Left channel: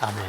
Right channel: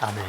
Amen.